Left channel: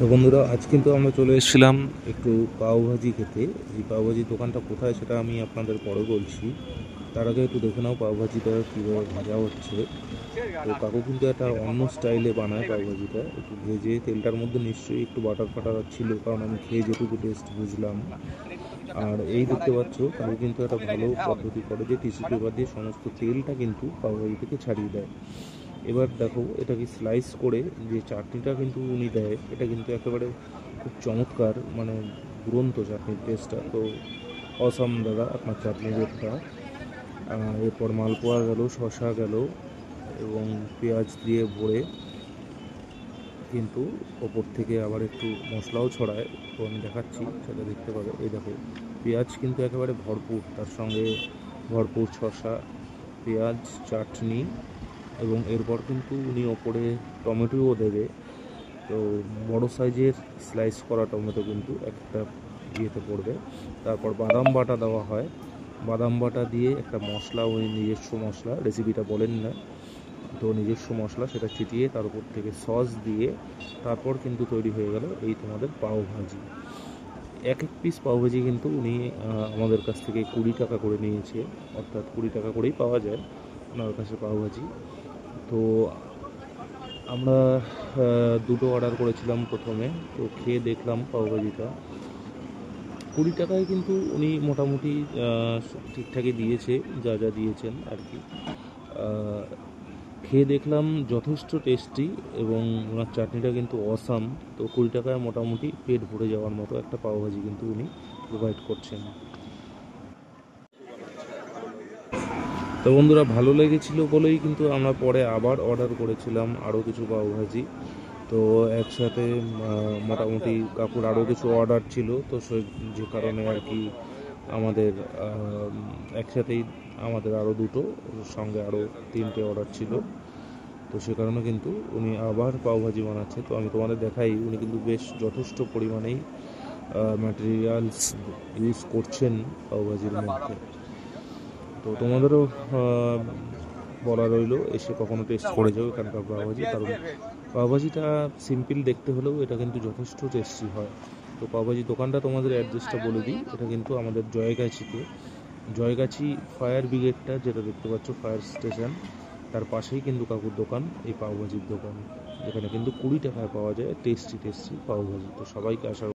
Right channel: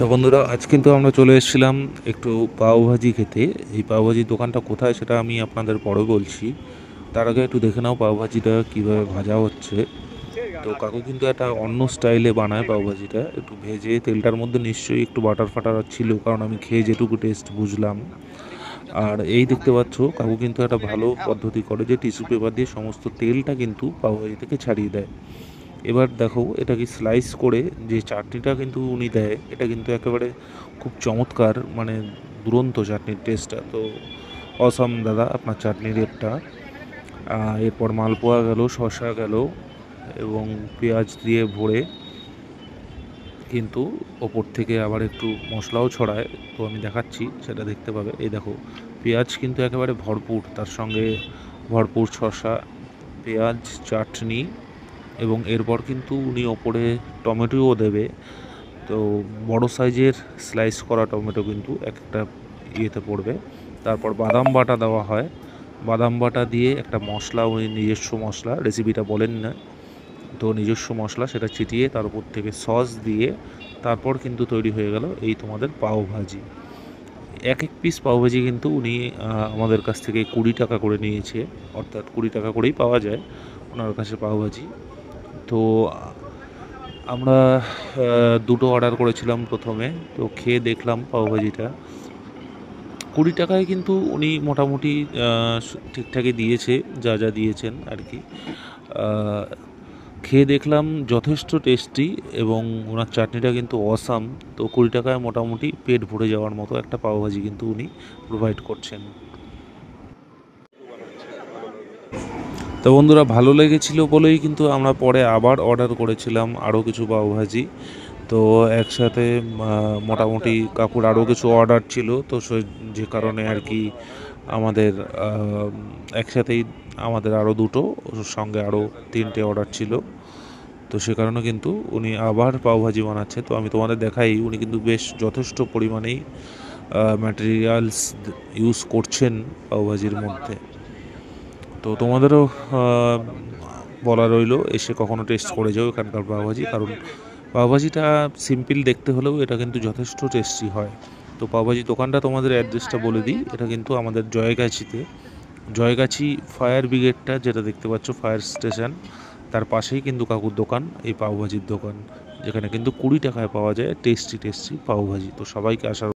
তো বন্ধুরা, আজ কিন্তু আমরা চলে এসেছিলাম একটু পাওভাজি খেতে। এই পাওভাজির দোকানটা কোথায় সেটা আমি আপনাদের পরে বলছি। তার আগে একটু দেখে নাও পাওভাজিটা কীভাবে ভাজা হচ্ছে। তো কাকু কিন্তু একটা অন্য স্টাইলে বানায় পাওভাজিটা, একটু ভেজে তেলটার মধ্যে নিশ্চয়ই একটু বাটার ফাটার ছিল, কারণ আমি খেয়ে যেটুকু টেস্ট বুঝলাম। আর এই দেখতে পাচ্ছ কাকু কিন্তু একটা ভালো পদ্ধতি করে যে টিস্যু পেপার দিয়ে সমস্ত তেলটা কিন্তু পাওভাজি থেকে ছাড়িয়ে দেয়। এবার দেখো এটাকে স্লাইস করে যে চাটনিটা কিন্তু উনি দেয়, এটা কিন্তু একেবারে খুব চমৎকার, মানে দুরন্ত চাটনির টেস্টটা। তো অসাম দাদা আপনার চাটনির রেটটা। এরপর মালপোয়া গেল, শসা গেল এবং পেঁয়াজ দিয়ে ভরে কিন্তু ওপর থেকে আবার একটু মশলাও ছড়ায়। তো আমি দেখাচ্ছি, সেটা দেখতে পাবে। এই দেখো পেঁয়াজ কিন্তু একেবারে ভরপুর, তার সঙ্গে ভরপুর শসা, পেঁয়াজ, চাটনি এবং এরপর কিন্তু উনি ওপরে টমেটোও দেবে। তো বড় সাইজের স্লাইস করা টমেটো কিন্তু একটা ইয়েতে পড়বে। তারপর বাদাম বাটা দেওয়া হয়, বাদাম বাটা দিয়ে একটা মশলা, উনি নিজস্ব মশলা, রেসিপিটা বলেন না, তো নিজস্ব মশলা সেটা ছিটিয়ে তার উপর থেকে সস দিয়ে তারপর কিন্তু তৈরি হয়ে গেল এই তোমাদের পাওভাজি। এক এক পিস পাওভাজি কিন্তু উনি আমাদের কাছ থেকে 20 টাকা করে নিয়েছে, অর্থাৎ 20 টাকা করেই পাওয়া যায় ওনার কাছে পাওভাজি। তো আমরা দুটো অর্ডার করেছিলাম প্রথমে। তো খেয়ে দেখলাম পাওভাজিটা 20 টাকায় কিন্তু উনি মোটামুটি ঠিকঠাকই দিয়েছে, যা যা দিয়েছেন আর কি। খেয়ে দেখলাম যথেষ্ট টেস্টি এবং ওনার চাটনিটা কিন্তু অসাম। তো 20 টাকায় মোটামুটি পেট ভরে যাওয়ার মতো একটা পাওভাজি কিন্তু উনি প্রোভাইড করছেন। তো বন্ধুরা, ভালো লেগেছিল বলেই কিন্তু আমরা পরে আবার অর্ডার করেছিলাম আরও কিছু পাওভাজি। তো একসাথে মোটামুটি কাকুর আরও কিছু অর্ডার ছিল, তো যে কারণে আর কি আমাদের একসাথেই আমাদের আরও দুটো, সঙ্গে আরও 3টে অর্ডার ছিল। তো সে কারণে কিন্তু উনি আবার পাওভাজি বানাচ্ছে। তো আমি তোমাদের দেখাই, উনি কিন্তু বেশ যথেষ্ট পরিমাণেই ম্যাটেরিয়ালস ইউজ করছেন পাওভাজির মধ্যে। তো তোমাদেরও বলা রইল, এসে কখনো টেস্ট করে যাও এখানকার পাওভাজি, কারণ পাওভাজিটা সিম্পল দেখতে হলেও এটা কিন্তু যথেষ্ট টেস্টি হয়। তো পাওভাজি দোকানটা তোমাদের অ্যাড্রেসটা বলে দিই, এটা কিন্তু আমাদের জয়গাছিতে, জয়গাছি ফায়ার ব্রিগেডটা যেটা দেখতে পাচ্ছ, ফায়ার স্টেশন, তার পাশেই কিন্তু কাকুর দোকান, এই পাওভাজির দোকান, যেখানে কিন্তু 20 টাকায় পাওয়া যায় টেস্টি টেস্টি পাওভাজি। তো সবাইকে আসার